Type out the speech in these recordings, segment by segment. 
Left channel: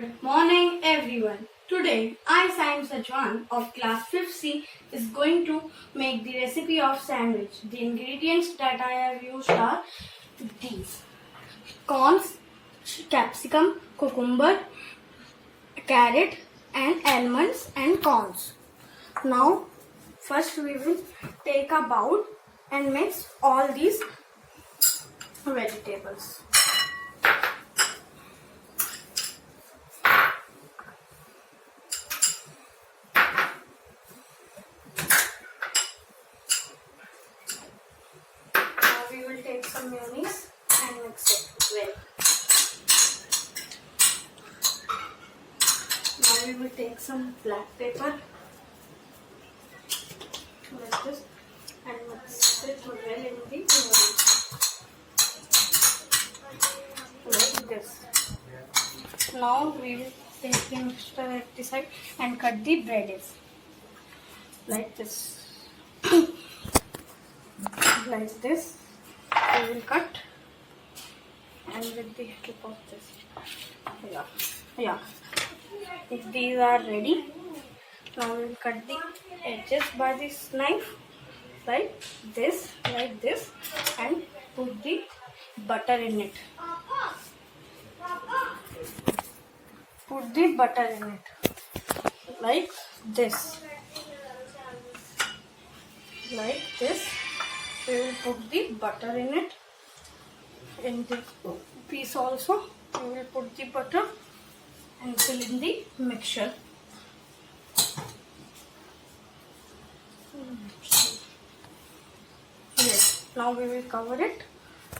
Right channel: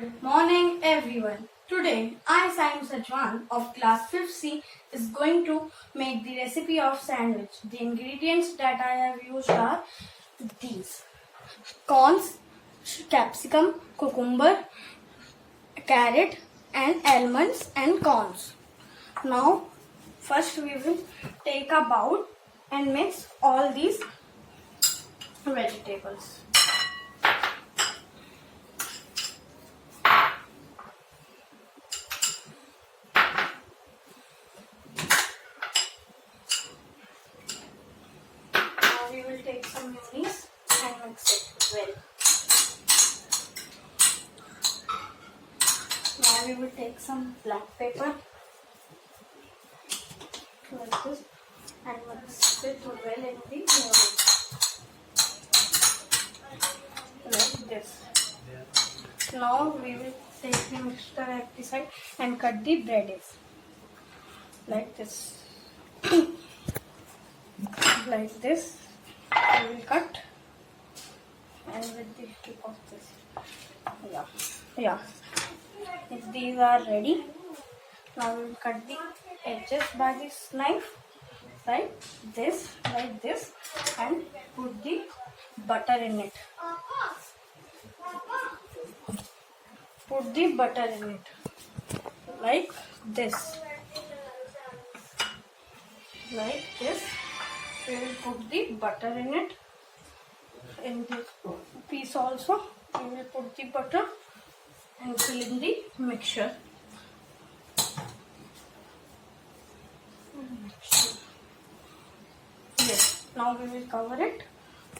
Good morning everyone. Today I, Saim Sajwan of class 5th C is going to make the recipe of sandwich. The ingredients that I have used are these: corns, capsicum, cucumber, carrot and almonds and corns. Now first we will take a bowl and mix all these vegetables. We will take some mayonnaise and mix it well. Now we will take some black pepper like this and mix it well in the mayonnaise like this. Now we will take the mixture at the side and cut the breadings like this. Like this. We will cut and with the help of this, yeah. If these are ready, now we will cut the edges by this knife like this, and put the butter in it. Put the butter in it like this. Like this. We will put the butter in it. In this piece also, we will put the butter and fill in the mixture. Yes. Now we will cover it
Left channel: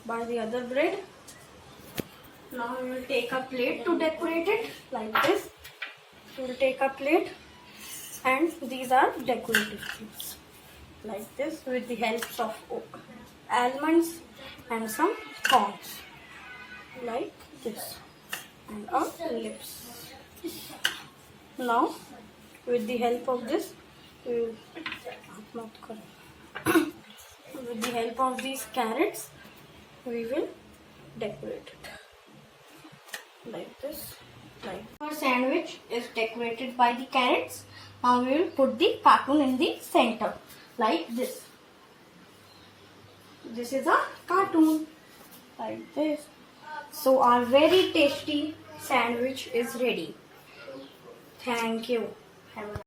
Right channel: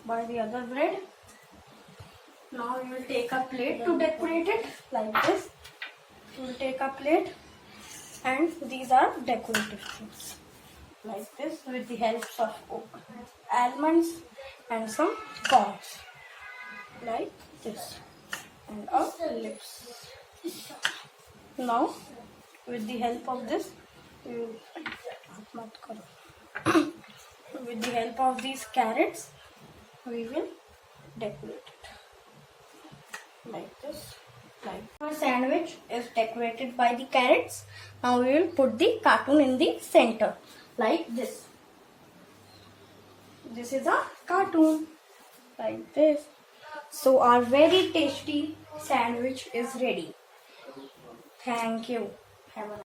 by the other bread. Now we will take a plate to decorate it like this. We will take a plate and these are decorative things. Like this with the help of almonds and some corns like this and our lips. Now with the help of this we will with the help of these carrots we will decorate it like this. Like our sandwich is decorated by the carrots. Now we will put the cartoon in the center like this. This is a cartoon like this. So our very tasty sandwich is ready. Thank you. Have a